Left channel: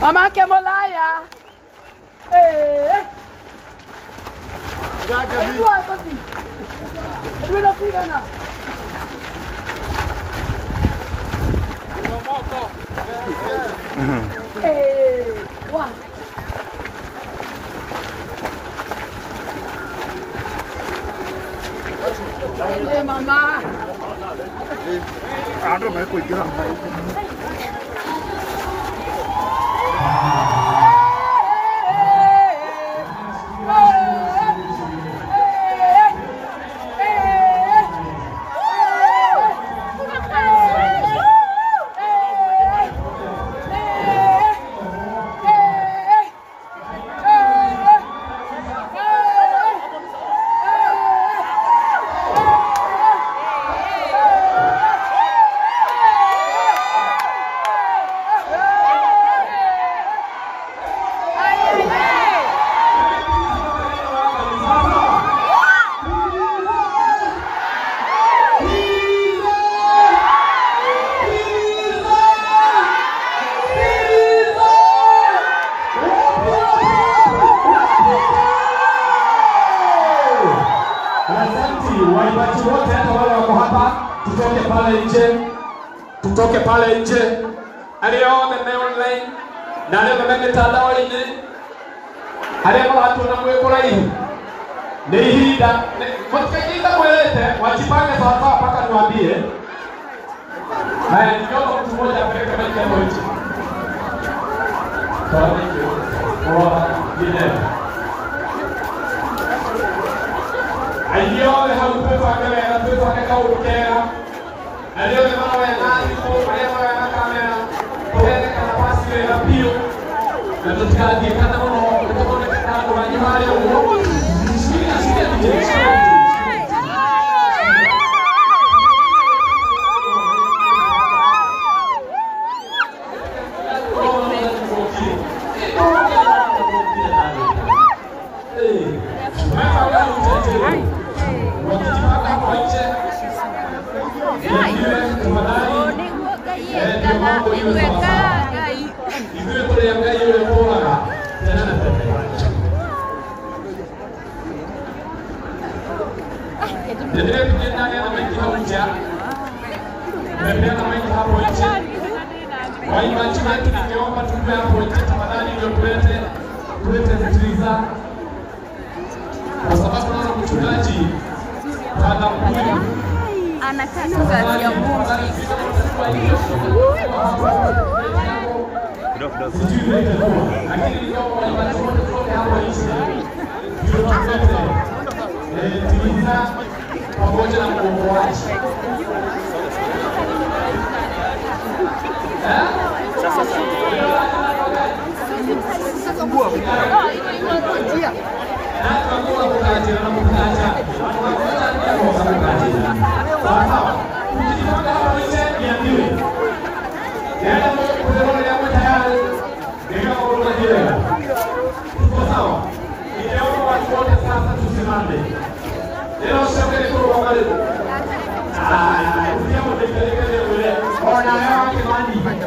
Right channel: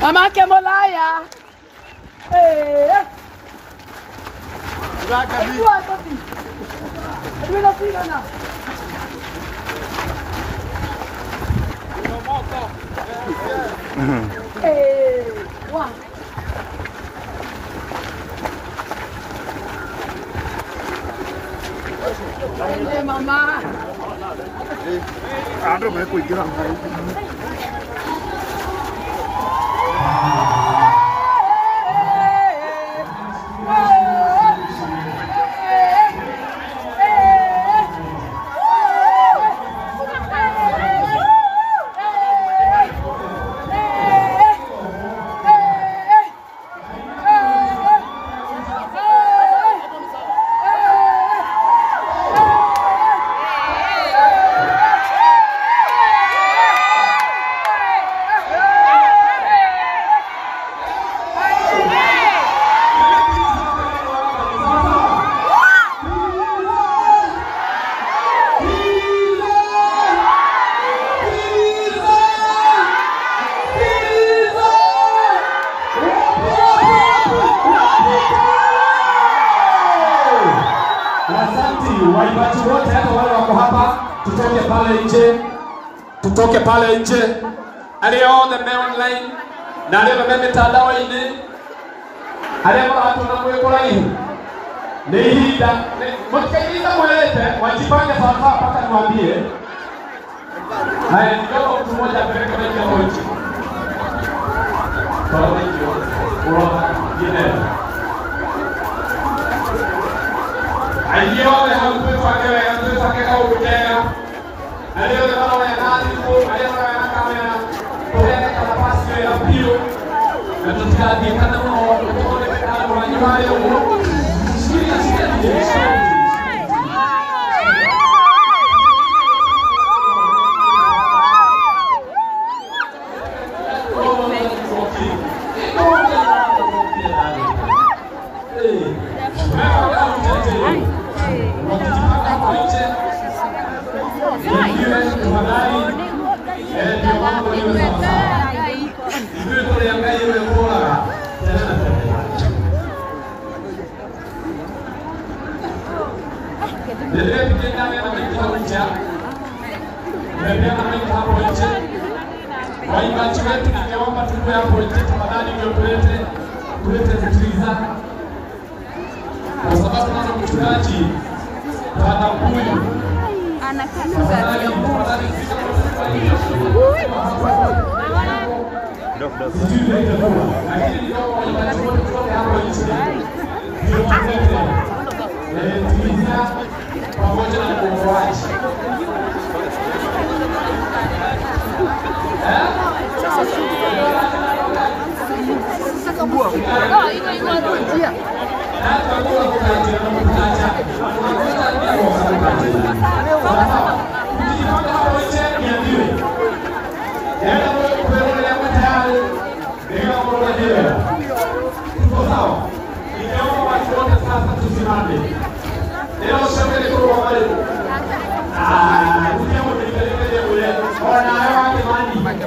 Mama ke molaya. Mama. Ada mai kuih kira. Tutoke pale nje. Alio the main line. Na leo mimi mitandao ine. Alio watu wanakuwa hivi. Nihida, mkikiza welete wajipange sawa sawa mpaka niwaambie. Haya ndio mtu mmoja apeleke maji ya moto. Kwa hiyo kwa ile Ayo le halupe pakewe halupe pakeka urukera. Ayo le mano ya nani ko ayo ya kamera. Kwa kama pasi ya pio. Na tutikadi kana mno kutoka kana kwa nyumari ya uo. Waimbaji wetu ningeomba tupe hapo nje tafadhali ndio tulete zitiliza. Kwa sababu naona mchungaji Bwana huyu anakaa ya Mungu. Lakini ndio waimbaji wote tupe hapo nje. Ndio tulete zitiliza pamoja na mkomboaji. Sasa bua. Dia. Hata kwa kutaja na kutaja. Sawa. Ukipanga hapo nje ya nini? Yaani kwa roho ya mtandao. Ndio kwa jela. Tuko sawa. Ndio watu wote sasa tusimame. Leo sasa kwa wale. Ndio mtelekeze ule. Ona wewe kimani.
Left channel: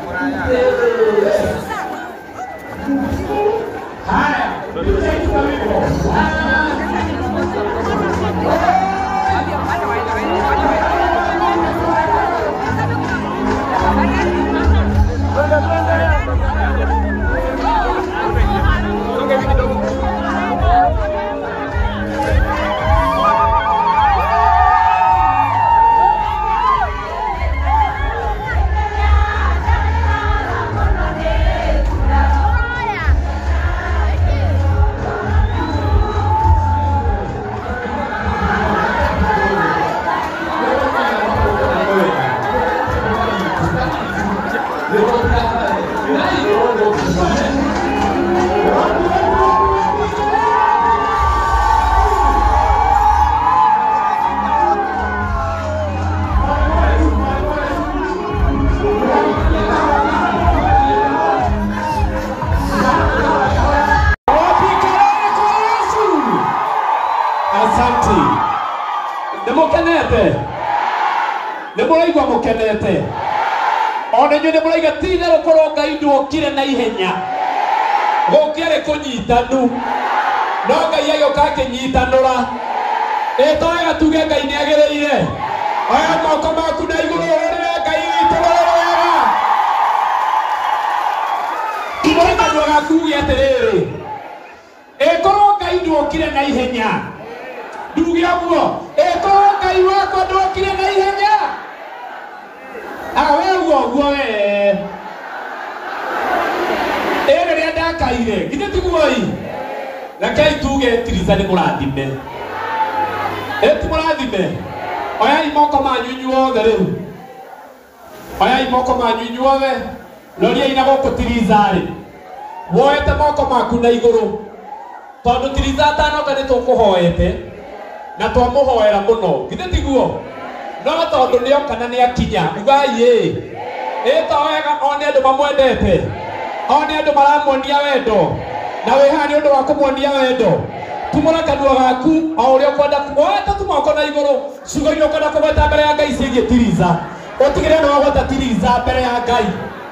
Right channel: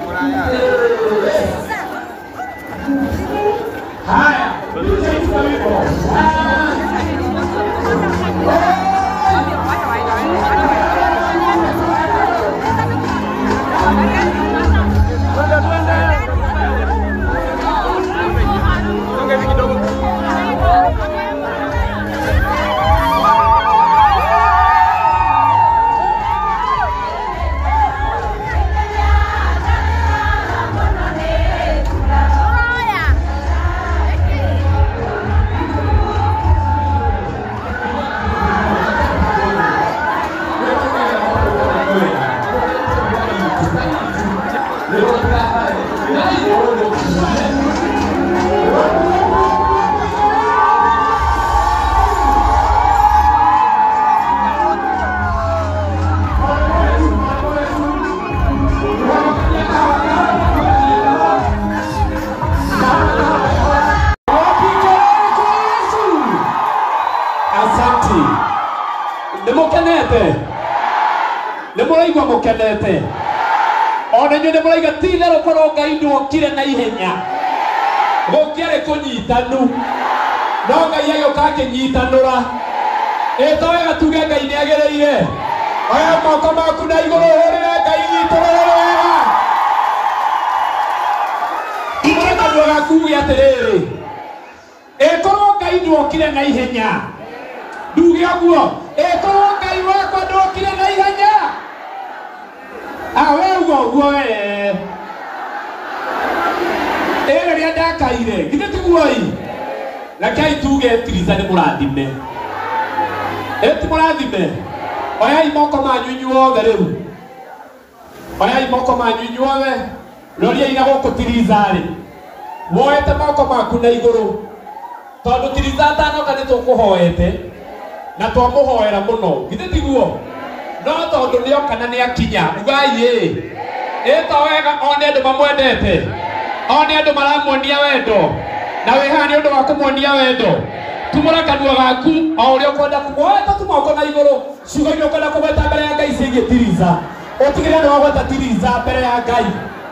Nemukenete. Nemuraigwa mukenete. Ona nyu nemuraiga tithe rukorwo Ngai ndwokire na ihenya. Gũkĩarĩ kũnyitanu. No Ngai agĩũka akĩnyitanũra. Ĩtoĩ gatuge Ngai nĩagĩrĩire. Oya moko maku na igũrũ hũrĩre Ngai witũ wega. Igũrũ kanua gaku uge atĩrĩrĩ. Ĩkorwo Ngai ndwokire na ihenya. Nduge ũguo. Ĩkorwo Ngai wakwa ndwokire na ihenya. We uguo rĩrĩa ndakaire githĩ tiguoi rekei tuge tiriza nĩ mũrathime ti mũrathime. Oyai moko manyu inyuothe rĩu. Oyai moko manyu inyuothe. Roriai na gũkũ tiriza-rĩ. Woete moko maku na igũrũ. Tondũ tiriza atanoka nĩ tũkũhoete na twamũhoera mũno githĩ tiguo. No tondũ nĩoka na nĩakinya ugai to wega one andũ mamwendete. One andũ maramuonia wendo na wĩhaha nĩ ũndũ wa kũmuonia wendo. Tumũra kanua gaku o ũrĩa ũkwenda kuoeta tumoko na igũrũ. Ciugo iria ũkwenda kũgweta mbere ya Ngai ciĩgiĩ tiriza. Ũtigĩrĩre nĩ wagweta tiriza mbere ya Ngai.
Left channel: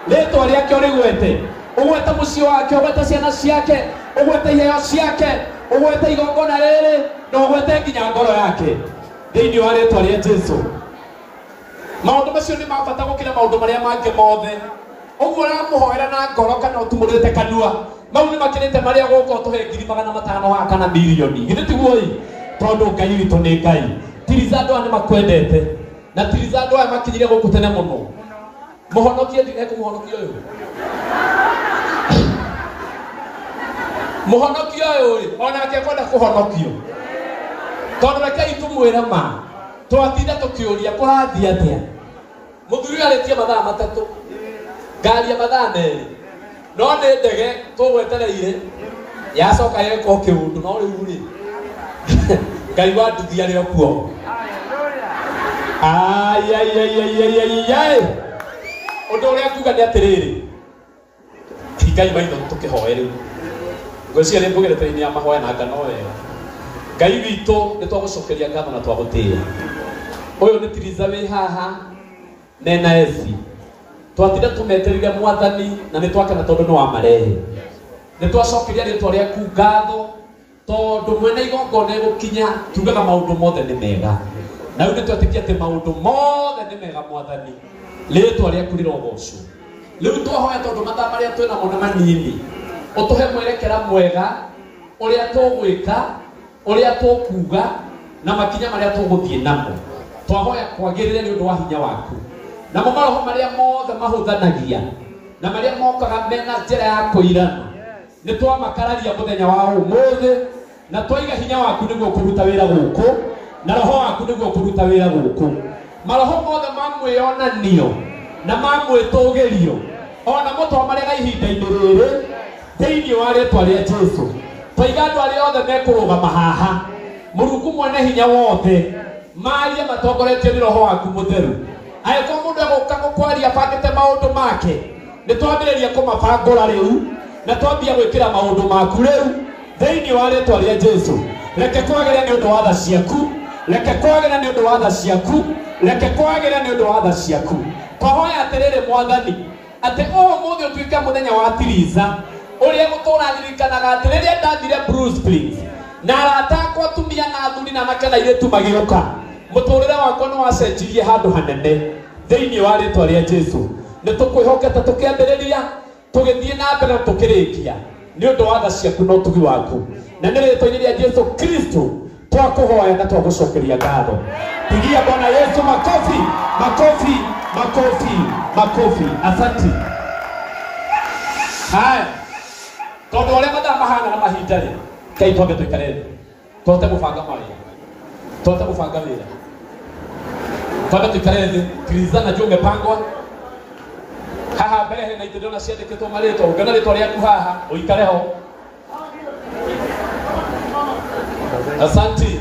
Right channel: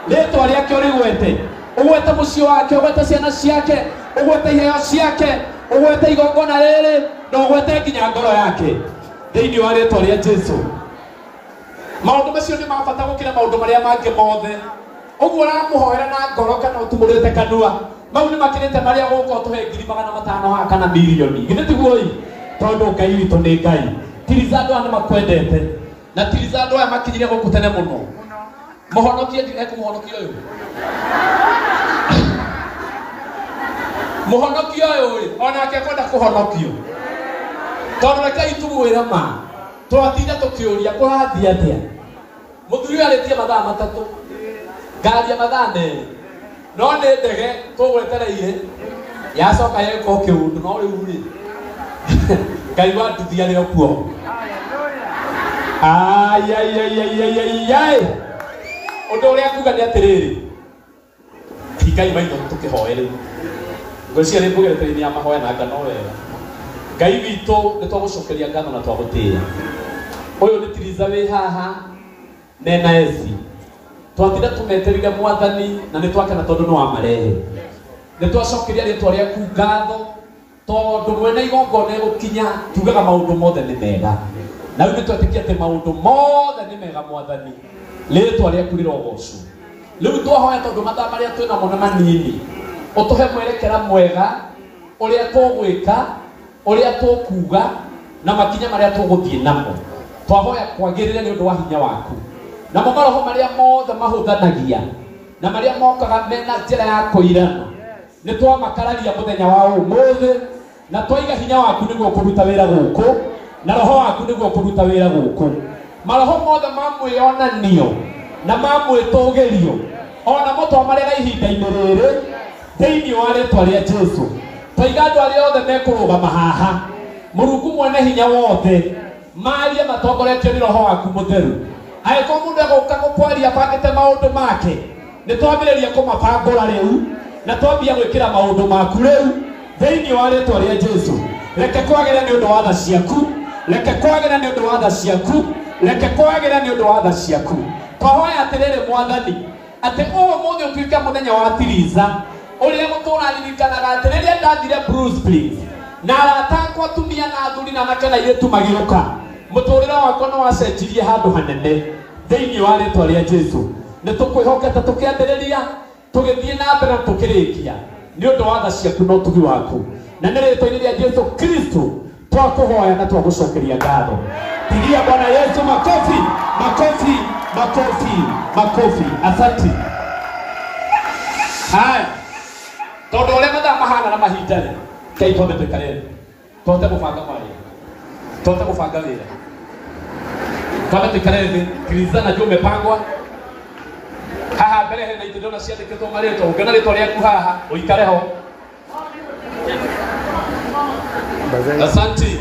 Rĩĩtwa rĩake ũrĩgwete. Ũgwete mũciĩ wake, ũgwete ciana ciake, ũgwete iheo ciake, ũgwete igongona rĩrĩ na ũgwete nginya ngoro yake thĩinĩ wa rĩĩtwa rĩa Jesũ. Maũndũ macio nĩ ma bata gũkĩra maũndũ marĩa mangĩ mothe. Ũguo ũramũhoera na ngoro kana ũtumũrĩte kanua. Mau nĩ makĩrĩte marĩa gũkũ tũhe 500,000 haha kana milioni. Githĩ tiguoi? Tondũ Ngai witũ nĩ Ngai. Tiriza andũ aya nĩmakwendete. Na tiriza andũ aya makinyire gũkũ tene mũno. Mũhonokie ekũmũhonokia ũyũ. Mũhonokia ũyũ onake kwenda kũhonokio. Tondũ rekei tumwĩre ma. Twatinda tũkĩũria kũrathiĩ atĩa. Mũthuri arĩtie mathaa 3. Ngaria mathaa 2. No nĩ ndege tũgwetereire. Yacoka yeko kĩũndũ no rĩu-rĩ. Ngai wa nduthi arĩ o kuo. Ũndũ ũrĩa kuga nĩ atĩrĩrĩ. Ngai maitho tũkĩhoe rĩu. Ngwĩciria nĩ mbũgĩrĩte-inĩ ya mahoya na ngano wega. Ngai witũ nĩ twagũcokeria ngatho na twagũtĩĩa. Ũyũ nĩ tiriza wĩ haha nena eci. Twatinda tũmetereire Mwathani na nĩ twakena tondũ nĩ wamarehe. Nĩ twacokeria rĩĩtwa rĩaku ngatho tondũ mwene igongona gũkinya tugaga maũndũ mothe nĩ mega. Na rĩu nĩ twetĩkia atĩ maũndũ mothe nĩ mega Mwathani. Rĩĩtwa rĩaku rĩrogocwo. Rĩu twahoya tondũ mathaa marĩa twĩna mo nĩ manini. Ũtũhe mwerekera mwega ũrĩa tũgwĩka, ũrĩa tũkuga na makinya marĩa tũgũthiĩ namo. Twahoya kwagĩrĩre nĩ ũndũ wa hinya waku. Namo maroho marĩa mothe mahũthanagia na marĩa mokaga mena njĩra ya kũirana. Nĩ twamakararia mũthenya wa ũmũthĩ na twaiga hinya waku nĩguo kũruta wĩra gũkũ na roho waku nĩguo kũruta wĩra gũkũ. Maroho mothe ma mwĩonanio na ma mwĩtũgĩrio ona mo twamarĩ na ihinda-inĩ rĩrĩ thĩinĩ wa rĩĩtwa rĩa Jesũ. Twaiga andũ arĩa othe mekũrũgama haha. Mũrungu mwene hinya wothe maria matongoretio nĩ roho waku mũtheru. Angĩkorwo mũndũ egũka gũkwaria bangĩte maũndũ make nĩ twambĩrĩria kũmabangũra rĩu na twambia gwĩkĩra maũndũ maku rĩu thĩinĩ wa rĩĩtwa rĩa Jesũ. Reke kwagĩre nĩ ũndũ wa tha ciaku. Reke kwagĩre nĩ ũndũ wa tha ciaku. Reke kwagĩre nĩ ũndũ wa tha ciaku. Twahoya atĩrĩrĩ Mwathani atĩ ũmũthĩ ũtuĩke mũthenya wa tiriza ũrĩa gũtũraririkanaga atĩ rĩrĩa ndathire Bruce Springs na arata akwa atumia na athuri na anake na airĩtu magĩũka mũtũrĩre wakwa nĩ wacenjirie handũ hanene thĩinĩ wa rĩĩtwa rĩa Jesũ. Nĩ tũkwĩhokete tũkĩambĩrĩria tũgĩthiĩ na mbere tũkĩrĩkia nĩ ũndũ wa tha ciaku na ũtugi waku. Na nĩ rĩĩtwa-inĩ rĩa Jesũ Kristo twakũhoya na twagũcokeria ngatho. Pigia Bwana Yesu makofi, makofi, makofi, makofi. Asante. Haya. Tondũ ũrĩa mathaa mahana na mahinda-rĩ, Ngai twambe tũikare tũhote gũbanga mawĩra. Tũhote gũbanga wĩra. Twambe tũikare thĩ, tiriza najua umepangwa. Haha mbere hehe na itindona ciandikitwo maritwa ungana ritwa riaku haha uikare ho. Asante.